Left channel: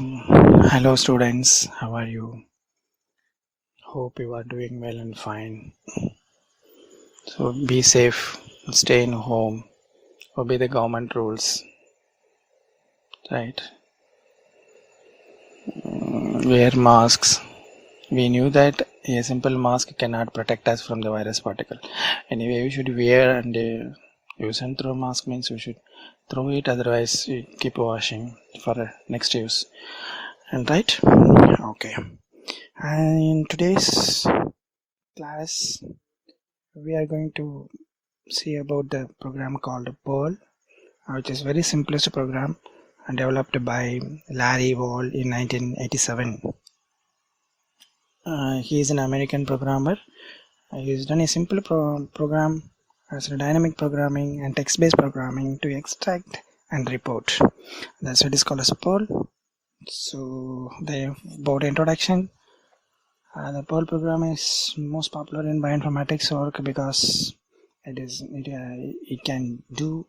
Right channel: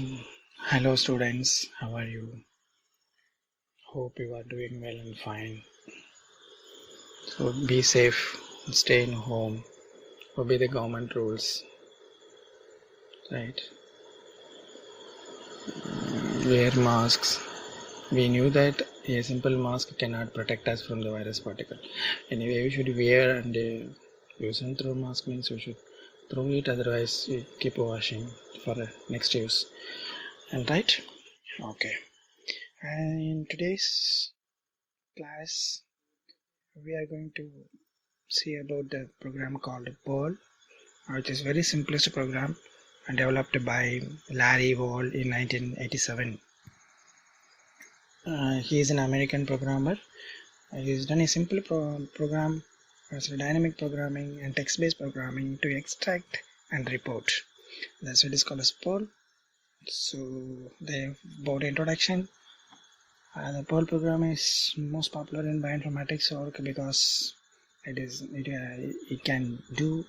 Hello students, how are you? Hope you are doing well and fine. So be safe, stay in home, obey the government rules, right? Wear masks. We knew that a simple mask cannot protect us from the virus particle. Anyway, we should wear and use and throw mask means we should throw it, otherwise we keep washing for next use. And right? Okay. And in today's class, we are going to see about the program called PERL, which is very simplest program developed by Larry Wall in 1987. He is an American programmer. He has done a simple program as a dynamic programming and text-based programming to extract and report. That's what is called as PERL. So the about introduction. The PERL program is most popular in bioinformatics work because it can do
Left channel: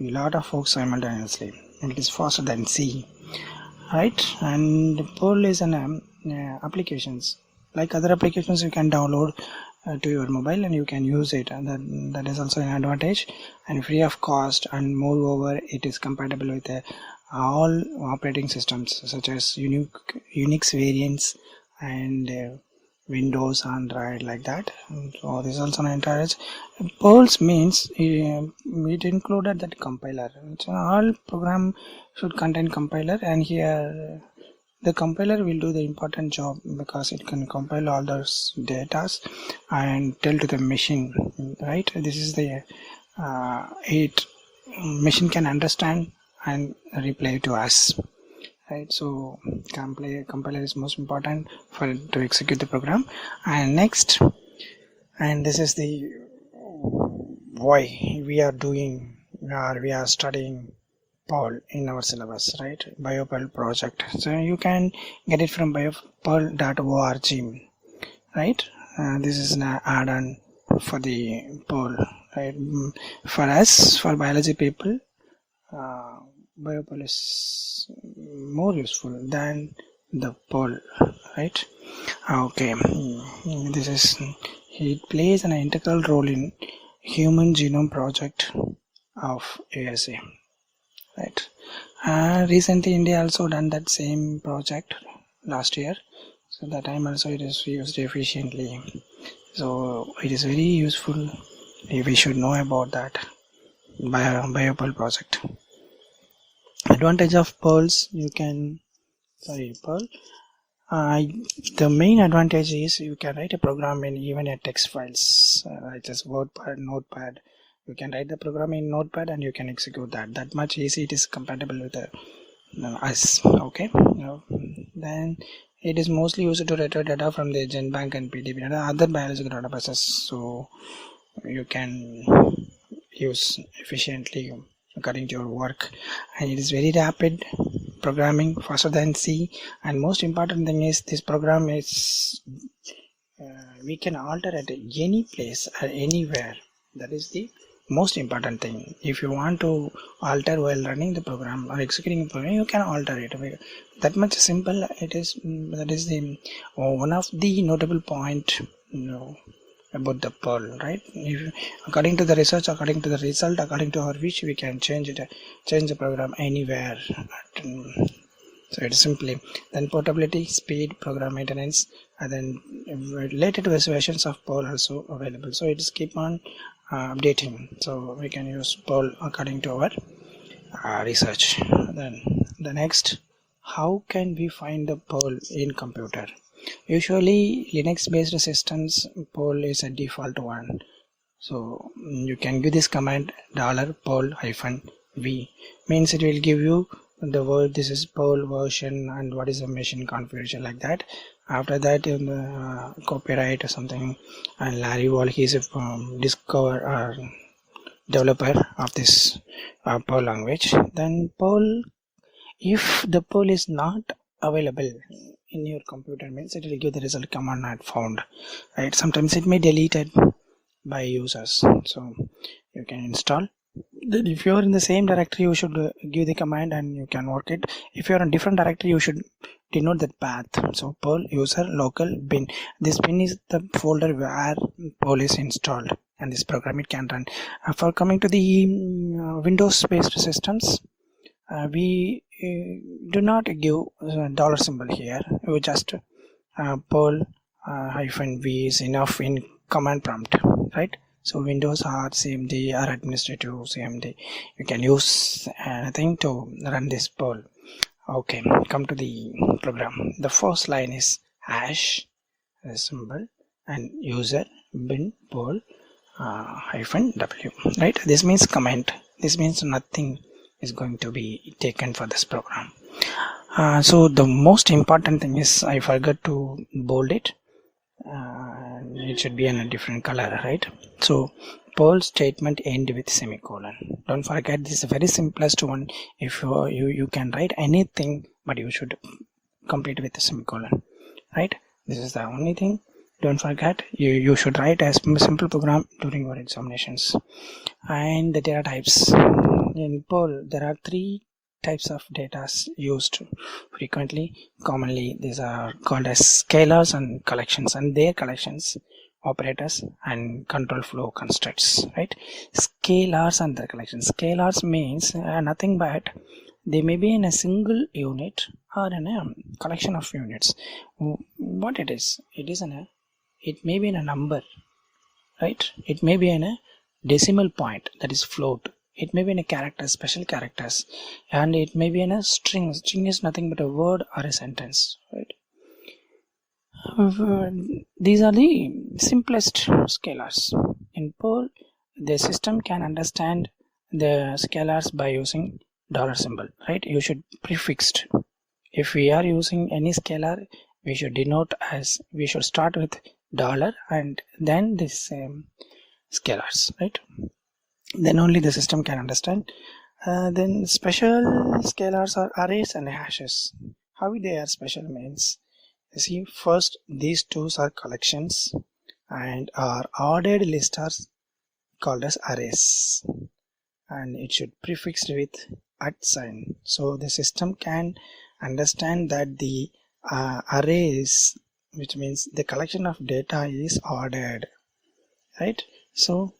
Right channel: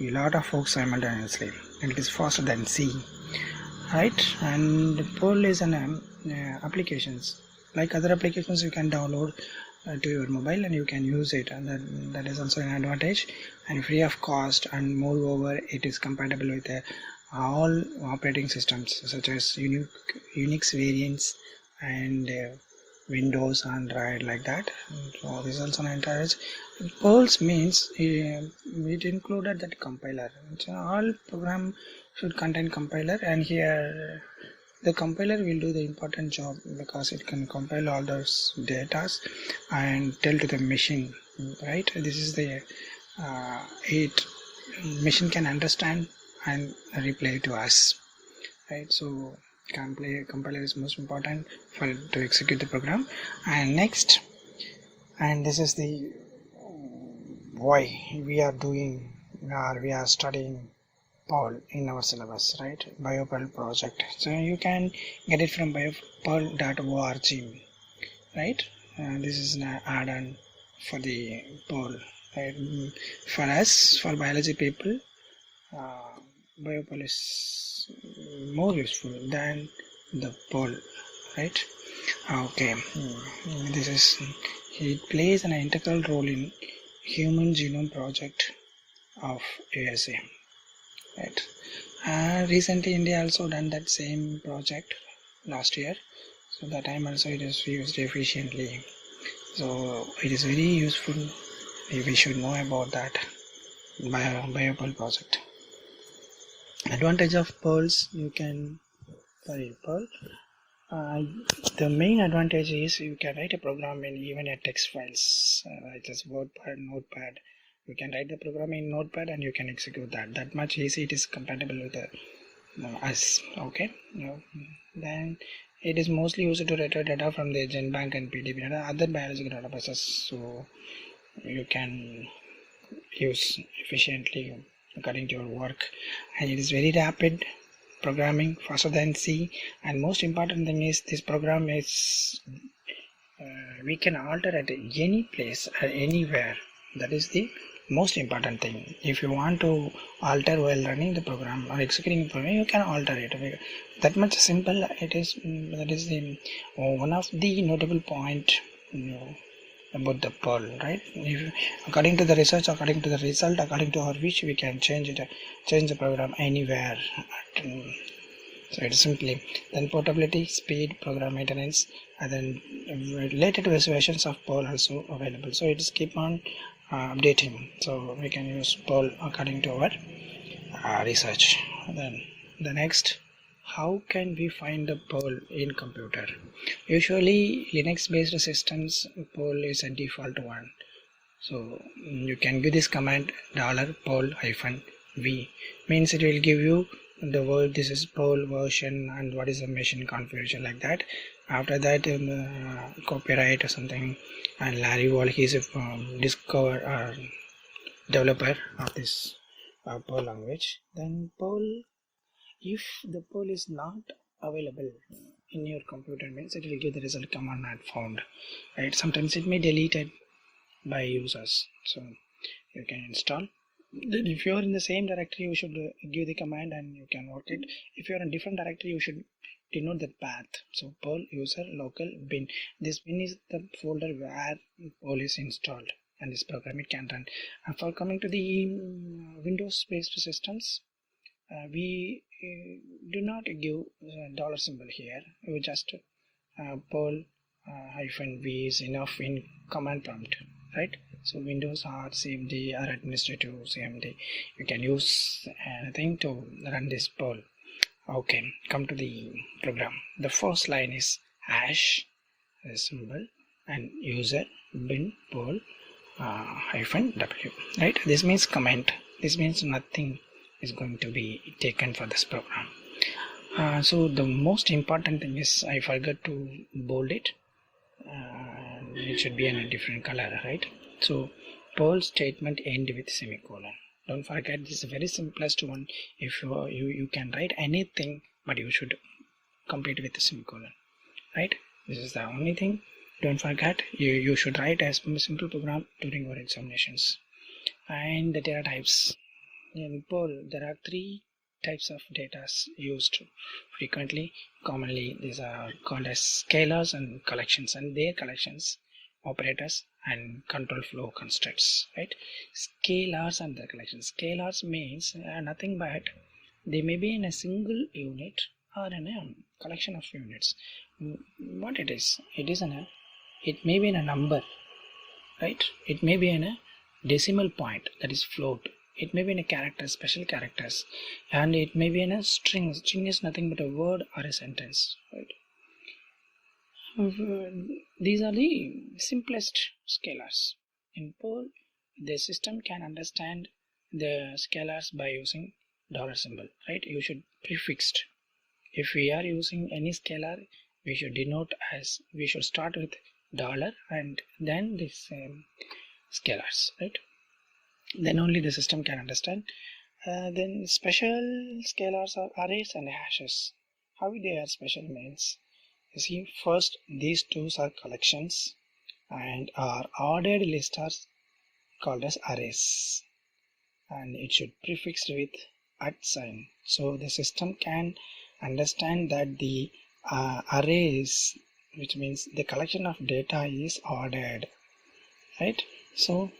a lot of work simultaneously, and it is faster than C, right? And PERL is an applications like other applications you can download to your mobile and you can use it, and that is also an advantage, and free of cost, and moreover it is compatible with all operating systems such as Unix variants and Windows, Android, like that. So this is also an advantage. PERLs means it included that compiler. So all program should contain compiler, and here the compiler will do the important job because it can compile all those data and tell to the machine, right? This is the it machine can understand and reply to us, right? So compiler is most important for to execute the program. And next, and this is the why we are doing or we are studying PERL in our syllabus, right? BioPERL project. So you can get it from biopearl.org, right? This is an add-on for the PERL, right? For us, for biology people, BioPERL is more useful than the PERL, right? Okay, this is it plays an integral role in human genome project of USA, right? Recently India also done that same project last year, so that time also it is used efficiently, so it is very useful. We should know about that BioPERL project. Advantage of PERLs, you can PERL. The main advantage is you can write a program in even a text files, just WordPad, Notepad. You can write the program in Notepad and you can execute that much easy. It is compatible with us. Okay. Then it is mostly used to retrieve data from the GenBank and PDB and other biological databases, so you can use efficiently according to your work, and it is very rapid programming, faster than C, and most important thing is this program is we can alter at any place or anywhere. That is the most important thing. If you want to alter while running the program or executing the program, you can alter it. That much simple it is. That is the one of the notable point, about the PERL, right? According to the research, according to the result, according to our wish, we can change the program anywhere. So it's simply then portability, speed, program maintenance, and then related versions of PERL also available. So it is keep on updating. So we can use PERL according to our research. Then the next, how can we find the PERL in computer? Usually Linux based systems, PERL is a default one. So you can give this command $perl-v, means it will give you the word this is PERL version and what is the machine configuration, like that. After that, copyright or something, and Larry Wall, he is a discover developer of this PERL language. Then PERL, if the PERL is not available in your computer, means it will give the result command not found, right? Sometimes it may deleted by users, so you can install Then if you are in the same directory, you should give the command and you can work it. If you are in a different directory, you should denote that path. So perl user local bin. This bin is the folder where perl is installed, and this program it can run. For coming to the Windows based systems, we do not give dollar symbol here. We just perl -v is enough in command prompt, right? So Windows or CMD or administrative CMD, you can use anything to run this perl. Okay, come to the program. The first line is hash symbol and user bin perl -w, right? This means comment. This means nothing is going to be taken for this program. So the most important thing is I forgot to bold it. It should be in a different color, right? So perl statement end with semicolon. Don't forget, this is the very simplest one. If you can write anything, but you should complete with a semicolon, right? This is the only thing. Don't forget, you should write a simple program during your examinations. And the data types in perl, there are 3 types of data used frequently. Commonly, these are called as scalars and collections, and their collections, operators, and control flow constructs, right? Scalars and their collections. Scalars means nothing but they may be in a single unit or in a collection of units. What it is it may be in a number, right? It may be in a decimal point, that is float. It may be in a character, special characters, and it may be in a string. String is nothing but a word or a sentence, right? These are the simplest scalars. In perl, the system can understand the scalars by using dollar symbol, right? You should prefixed. If we are using any scalar, we should start with dollar and then this scalars, right? Then only the system can understand. Then special scalars are arrays and hashes. How they are special means, you see, first these two are collections and our ordered list are called as arrays, and it should prefix with @ sign. So the system can understand that the arrays, which means the collection of data, is ordered, right? So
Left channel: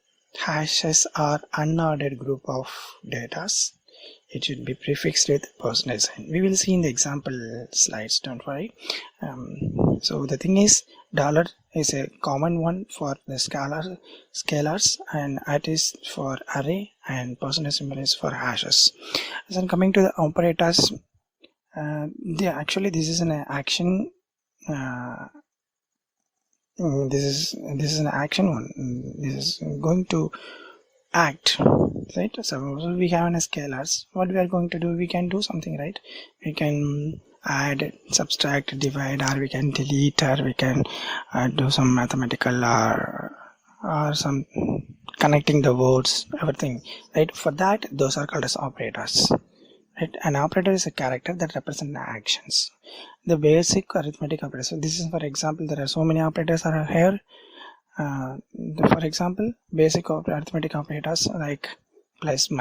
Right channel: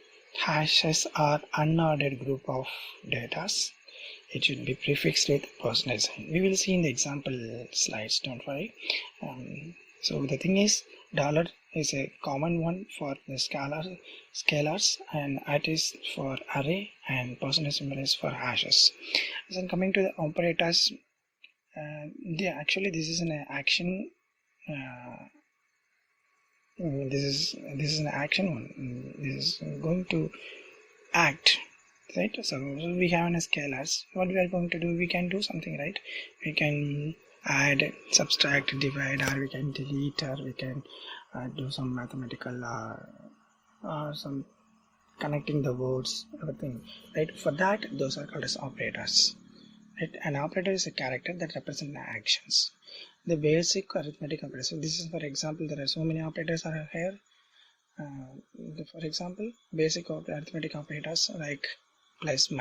hashes are unordered group of data. It should be prefixed with personal sign. We will see in the example slides, don't worry. So the thing is, dollar is a common one for the scalars, and @ is for array, and personal symbol is for hashes. Then coming to the operators, this is an action. This is an action one. This is going to act, right? So we have a scalars. What we are going to do, we can do something, right? We can add, subtract, divide, or we can delete, or we can do some mathematical or some connecting the words, everything, right? For that, those are called as operators, right? An operator is a character that represents actions, the basic arithmetic operators. So this is, for example, there are so many operators are here. For example, basic arithmetic operators like plus, minus,